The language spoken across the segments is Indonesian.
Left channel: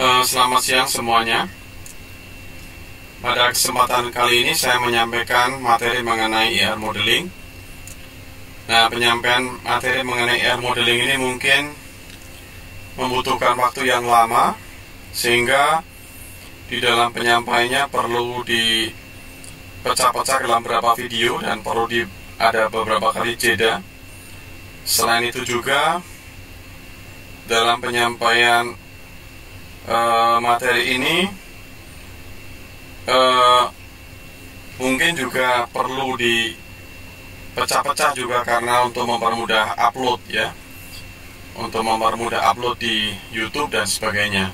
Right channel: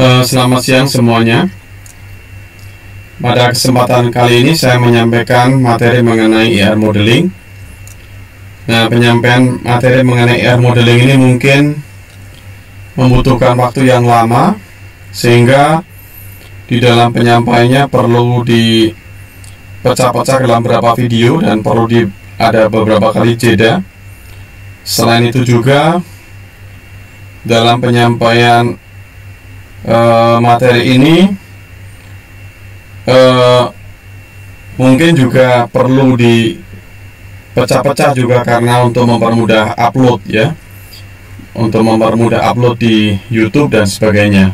Selamat siang semuanya. Pada kesempatan kali ini saya menyampaikan materi mengenai IR modeling. Nah, penyampaian materi mengenai IR modeling ini mungkin membutuhkan waktu yang lama, sehingga di dalam penyampaiannya perlu dipecah-pecah dalam beberapa video dan perlu ada beberapa kali jeda. Selain itu juga dalam penyampaian materi ini mungkin juga perlu dipecah-pecah juga karena untuk mempermudah upload ya, untuk mempermudah upload di YouTube dan sebagainya.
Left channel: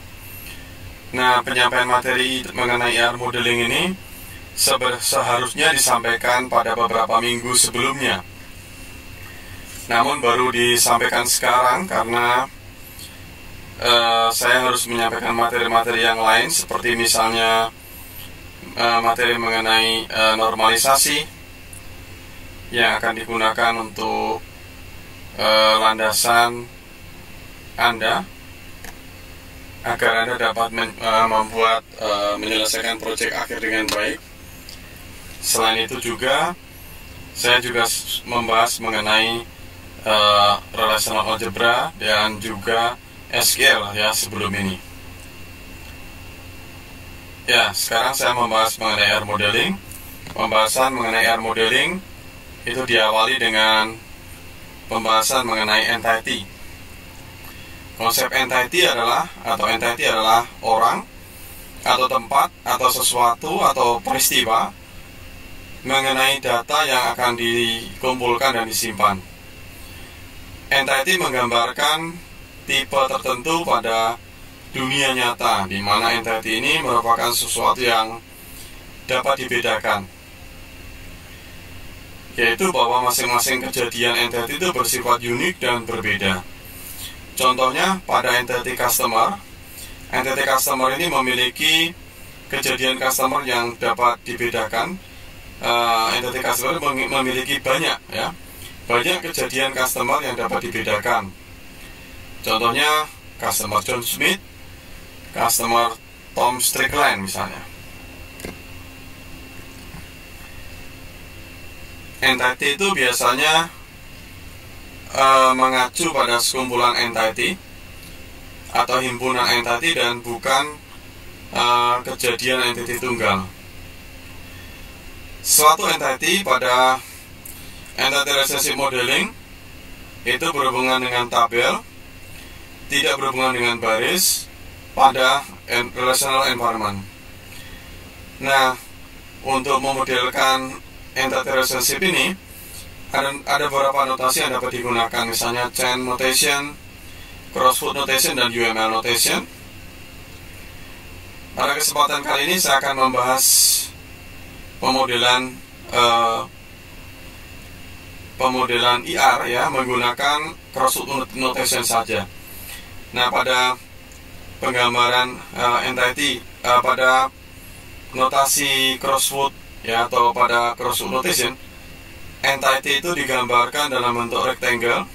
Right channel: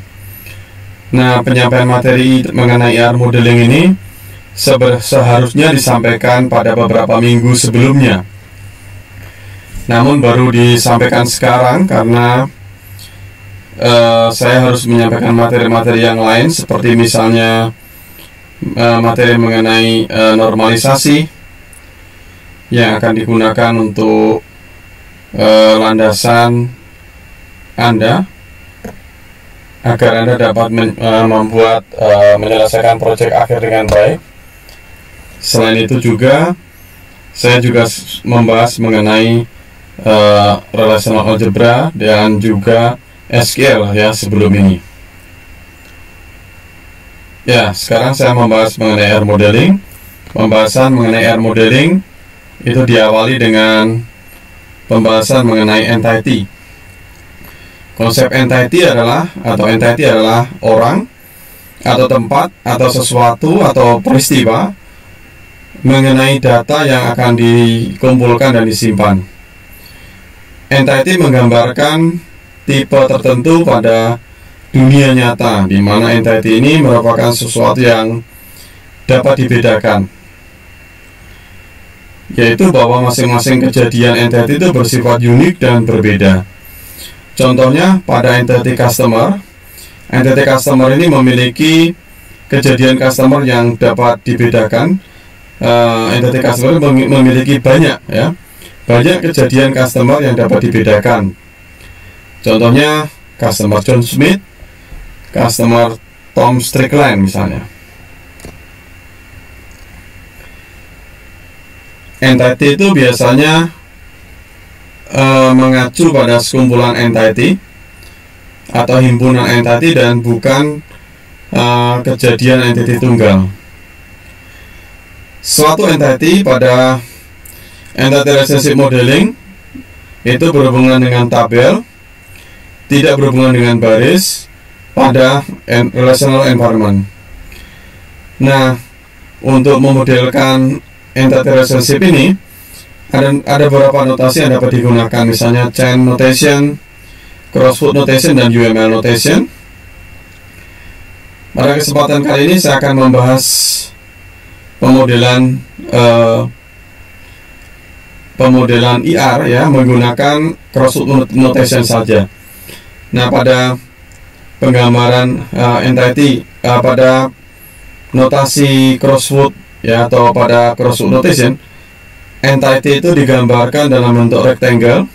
Nah, penyampaian materi mengenai IR modeling ini seharusnya disampaikan pada beberapa minggu sebelumnya, namun baru disampaikan sekarang karena saya harus menyampaikan materi-materi yang lain, seperti misalnya materi mengenai normalisasi yang akan digunakan untuk landasan Anda agar Anda dapat menyelesaikan proyek akhir dengan baik. Selain itu juga saya juga membahas mengenai relational algebra dan juga SQL ya sebelum ini. Ya, sekarang saya membahas mengenai IR modeling. Pembahasan mengenai IR modeling itu diawali dengan pembahasan mengenai entity. Konsep entity adalah orang atau tempat atau sesuatu atau peristiwa mengenai data yang akan dikumpulkan dan disimpan. Entity menggambarkan tipe tertentu pada dunia nyata, di mana entity ini merupakan sesuatu yang dapat dibedakan, yaitu bahwa masing-masing kejadian entity itu bersifat unik dan berbeda. Contohnya pada entity customer ini memiliki kejadian customer yang dapat dibedakan. Entity customer memiliki banyak kejadian customer yang dapat dibedakan. Contohnya customer John Smith, customer Tom Strickland misalnya. Entity itu biasanya mengacu pada sekumpulan entity atau himpunan entity dan bukan kejadian entity tunggal. Suatu entity pada entity relationship modeling itu berhubungan dengan tabel, tidak berhubungan dengan baris pada relational environment. Nah, untuk memodelkan entity relationship ini ada beberapa notasi yang dapat digunakan, misalnya chain notation, crossfoot notation, dan UML notation. Pada kesempatan kali ini saya akan membahas pemodelan IR ya menggunakan crossfoot notation saja. Nah, pada penggambaran entity pada notasi crossfoot ya, atau pada crossfoot notation, entity itu digambarkan dalam bentuk rectangle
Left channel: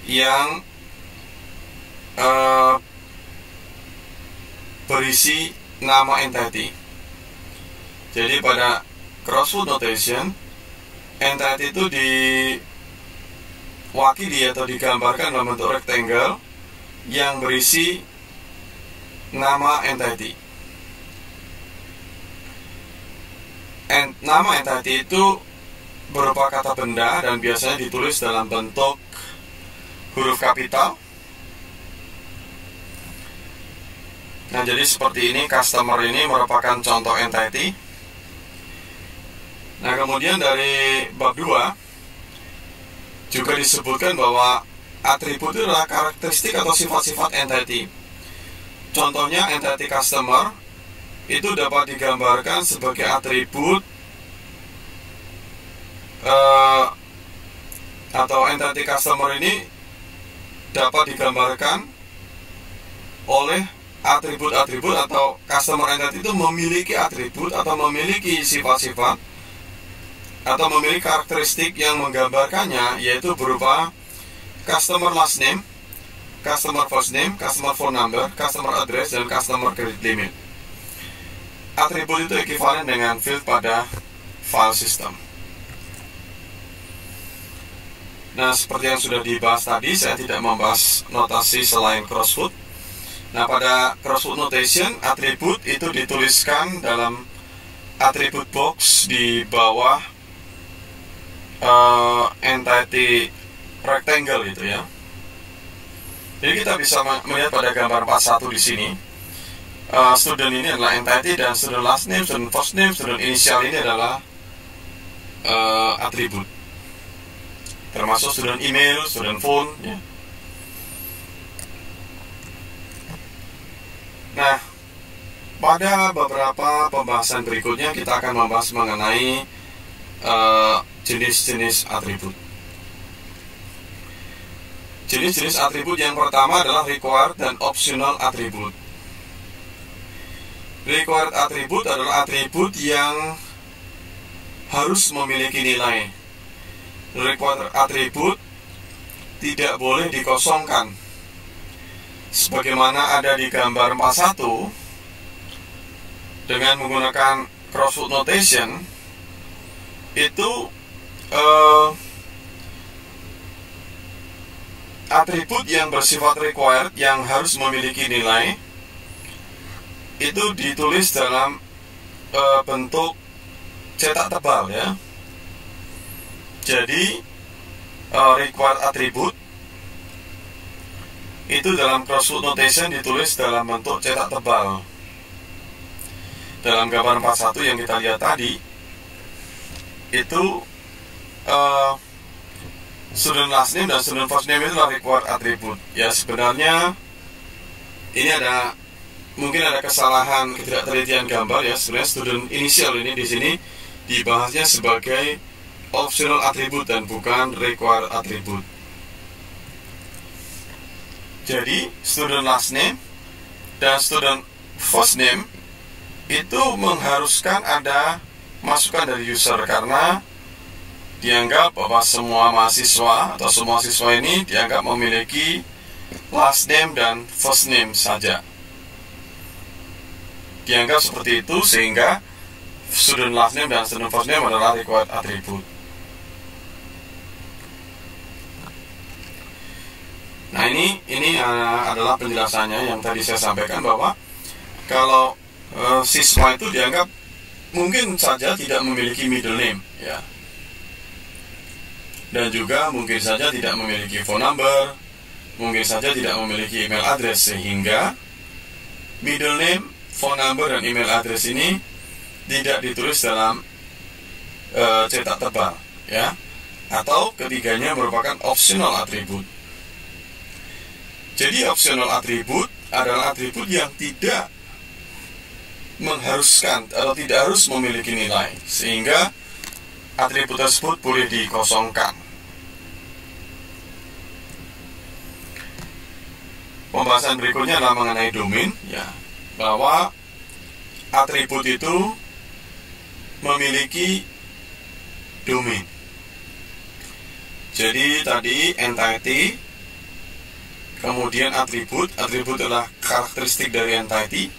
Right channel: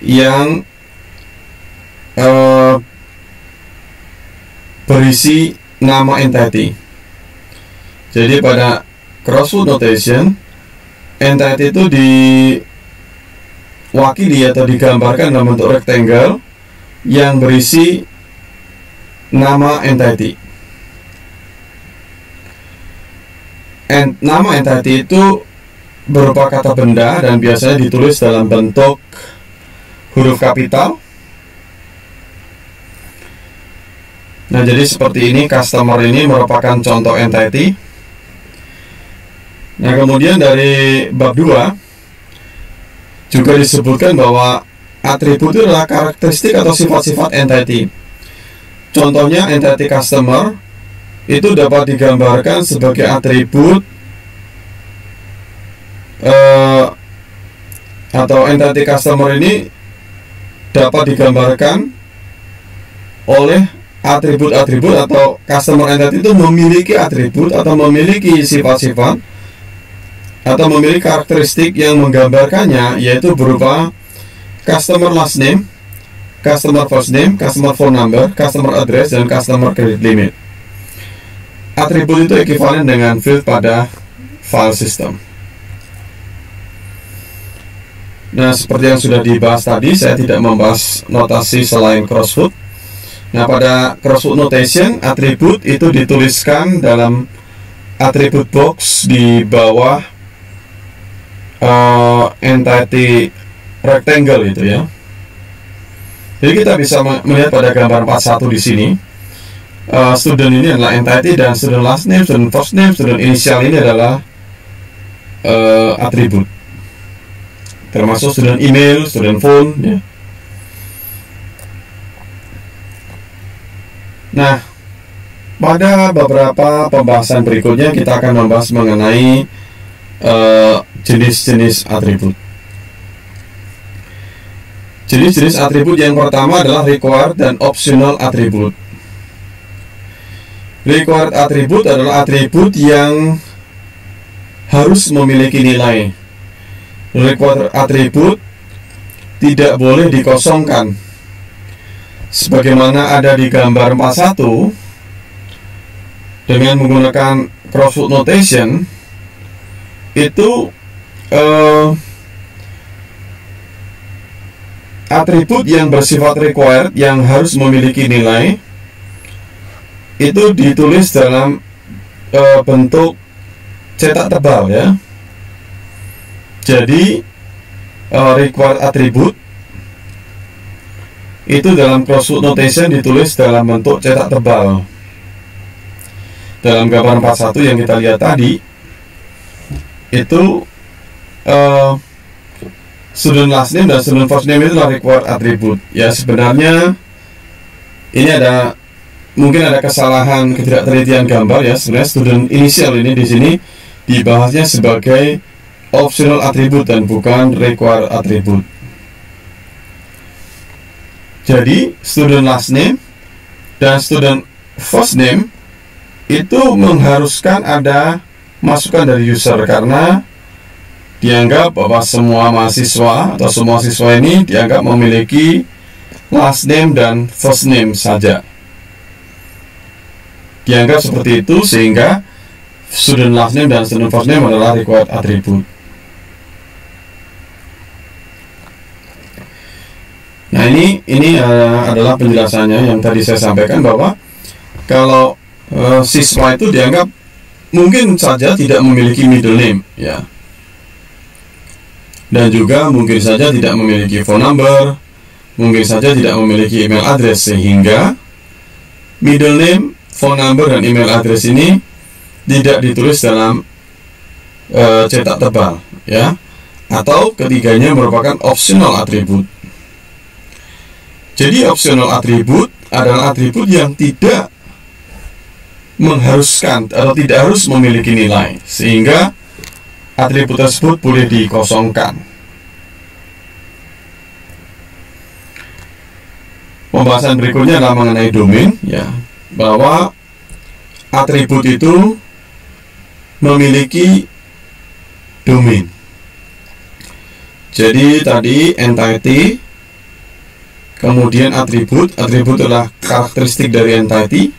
yang berisi nama entity. Jadi pada crossfoot notation, entity itu diwakili atau digambarkan dalam bentuk rectangle yang berisi nama entity. Nama entity itu berupa kata benda dan biasanya ditulis dalam bentuk huruf kapital. Nah, jadi seperti ini, customer ini merupakan contoh entity. Nah, kemudian dari bab 2 juga disebutkan bahwa atribut itu adalah karakteristik atau sifat-sifat entity. Contohnya entity customer itu dapat digambarkan sebagai atribut atau entity customer ini dapat digambarkan oleh atribut-atribut, atau customer entity itu memiliki atribut atau memiliki sifat-sifat atau memiliki karakteristik yang menggambarkannya, yaitu berupa customer last name, customer first name, customer phone number, customer address, dan customer credit limit. Atribut itu ekuivalen dengan field pada file system. Nah, seperti yang sudah dibahas tadi, saya tidak membahas notasi selain crossfoot. Nah, pada crossfoot notation, atribut itu dituliskan dalam attribute box di bawah entity rectangle itu ya. Jadi kita bisa melihat pada gambar 41 di sini. Student ini adalah entity dan student last name, student first name, student initial ini adalah atribut. Termasuk student email, student phone ya. Nah, pada beberapa pembahasan berikutnya kita akan membahas mengenai jenis-jenis atribut. Jenis-jenis atribut yang pertama adalah required dan optional atribut. Required atribut adalah atribut yang harus memiliki nilai. Required atribut tidak boleh dikosongkan. Sebagaimana ada di gambar 41, dengan menggunakan crossfoot notation, itu atribut yang bersifat required yang harus memiliki nilai itu ditulis dalam bentuk cetak tebal ya. Jadi required atribut itu dalam crossfoot notation ditulis dalam bentuk cetak tebal. Dalam gambar 41 yang kita lihat tadi, itu student last name dan student first name itu adalah required atribut. Ya, sebenarnya ini mungkin ada kesalahan ketidaktelitian gambar ya. Sebenarnya student initial ini di sini dibahasnya sebagai optional atribut dan bukan required atribut. Jadi student last name dan student first name itu mengharuskan ada masukan dari user, karena dianggap bahwa semua mahasiswa atau semua siswa ini dianggap memiliki last name dan first name saja. Dianggap seperti itu, sehingga student last name dan student first name adalah required atribut. Nah, ini adalah penjelasannya yang tadi saya sampaikan, bahwa kalau siswa itu dianggap mungkin saja tidak memiliki middle name ya, dan juga mungkin saja tidak memiliki phone number, mungkin saja tidak memiliki email address, sehingga middle name, phone number, dan email address ini tidak ditulis dalam cetak tebal ya, atau ketiganya merupakan optional atribut. Jadi optional atribut adalah atribut yang tidak mengharuskan atau tidak harus memiliki nilai, sehingga atribut tersebut boleh dikosongkan. Pembahasan berikutnya adalah mengenai domain ya, bahwa atribut itu memiliki domain. Jadi tadi entity, kemudian atribut adalah karakteristik dari entity,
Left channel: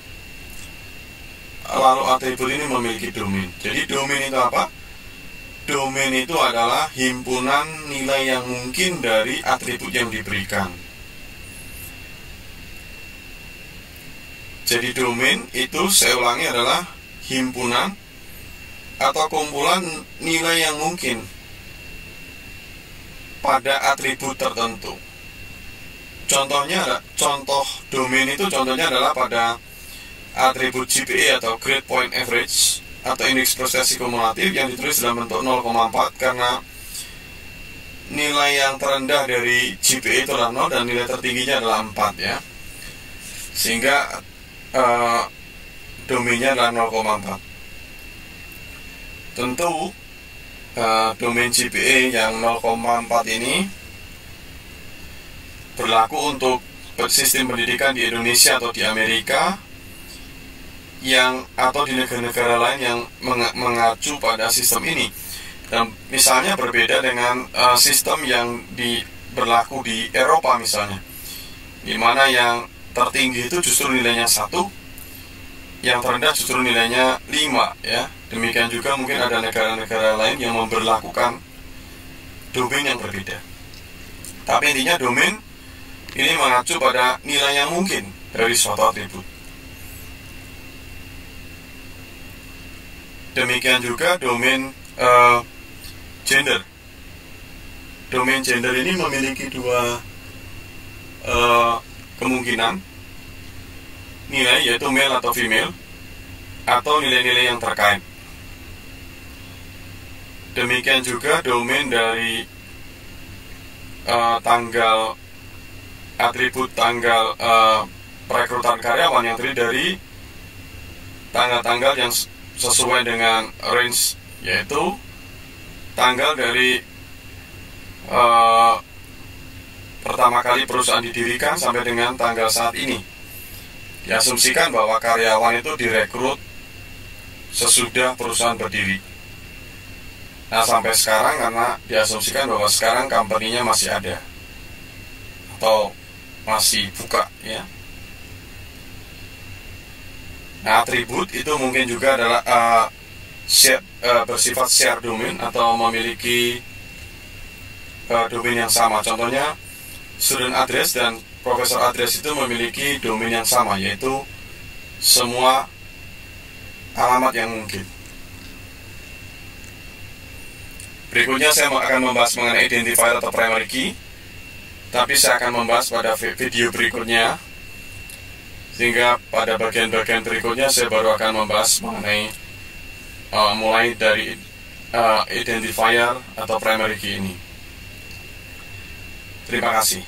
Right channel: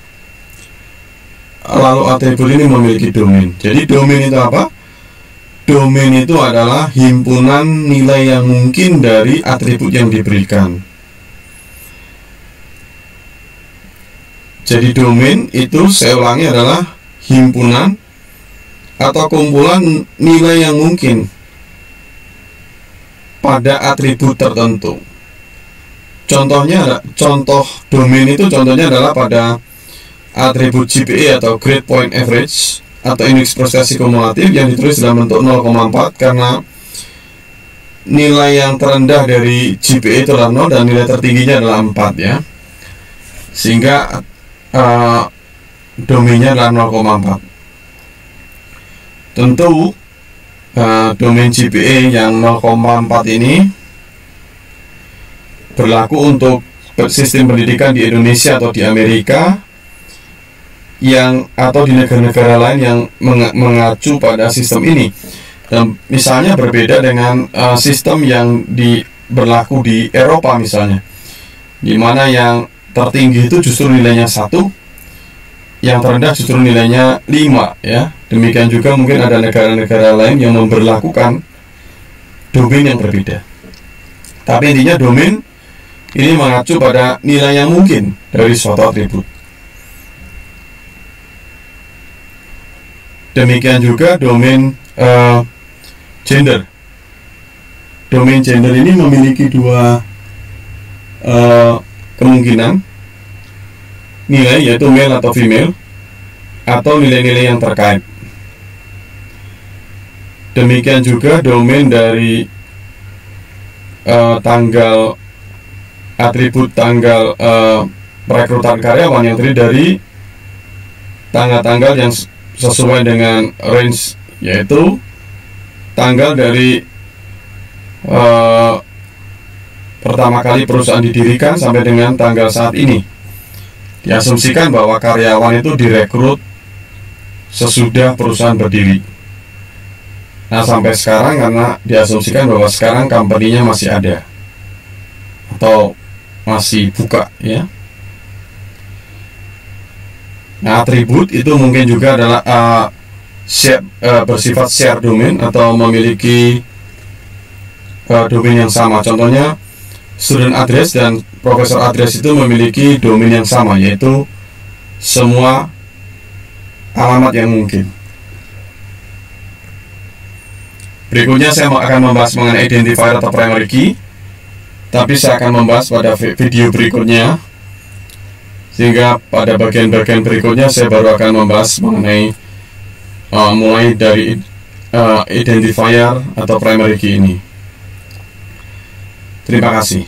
lalu atribut ini memiliki domain. Jadi domain itu apa? Domain itu adalah himpunan nilai yang mungkin dari atribut yang diberikan. Jadi domain itu, saya ulangi, adalah himpunan atau kumpulan nilai yang mungkin pada atribut tertentu. Contoh domain itu contohnya adalah pada atribut GPA atau Grade Point Average atau indeks prestasi kumulatif yang ditulis dalam bentuk 0,4, karena nilai yang terendah dari GPA itu adalah 0 dan nilai tertingginya adalah 4 ya, sehingga domainnya adalah 0,4. Tentu domain GPA yang 0,4 ini berlaku untuk sistem pendidikan di Indonesia atau di Amerika atau di negara-negara lain yang mengacu pada sistem ini. Dan misalnya berbeda dengan sistem yang berlaku di Eropa misalnya. dimana yang tertinggi itu justru nilainya 1, yang terendah justru nilainya 5 ya. Demikian juga mungkin ada negara-negara lain yang memberlakukan domain yang berbeda. Tapi intinya domain ini mengacu pada nilai yang mungkin dari suatu atribut. Demikian juga domain gender. Domain gender ini memiliki dua kemungkinan nilai, yaitu male atau female, atau nilai-nilai yang terkait. Demikian juga domain dari tanggal atribut tanggal perekrutan karyawan yang terdiri dari tanggal-tanggal yang sesuai dengan range, yaitu tanggal dari pertama kali perusahaan didirikan sampai dengan tanggal saat ini. Diasumsikan bahwa karyawan itu direkrut sesudah perusahaan berdiri. Nah, sampai sekarang karena diasumsikan bahwa sekarang company-nya masih ada atau masih buka ya. Nah, atribut itu mungkin juga adalah bersifat share domain atau memiliki domain yang sama. Contohnya student address dan professor address itu memiliki domain yang sama, yaitu semua alamat yang mungkin. Berikutnya saya akan membahas mengenai identifier atau primary key, tapi saya akan membahas pada video berikutnya, sehingga pada bagian-bagian berikutnya saya baru akan membahas mengenai mulai dari identifier atau primary key ini. Terima kasih.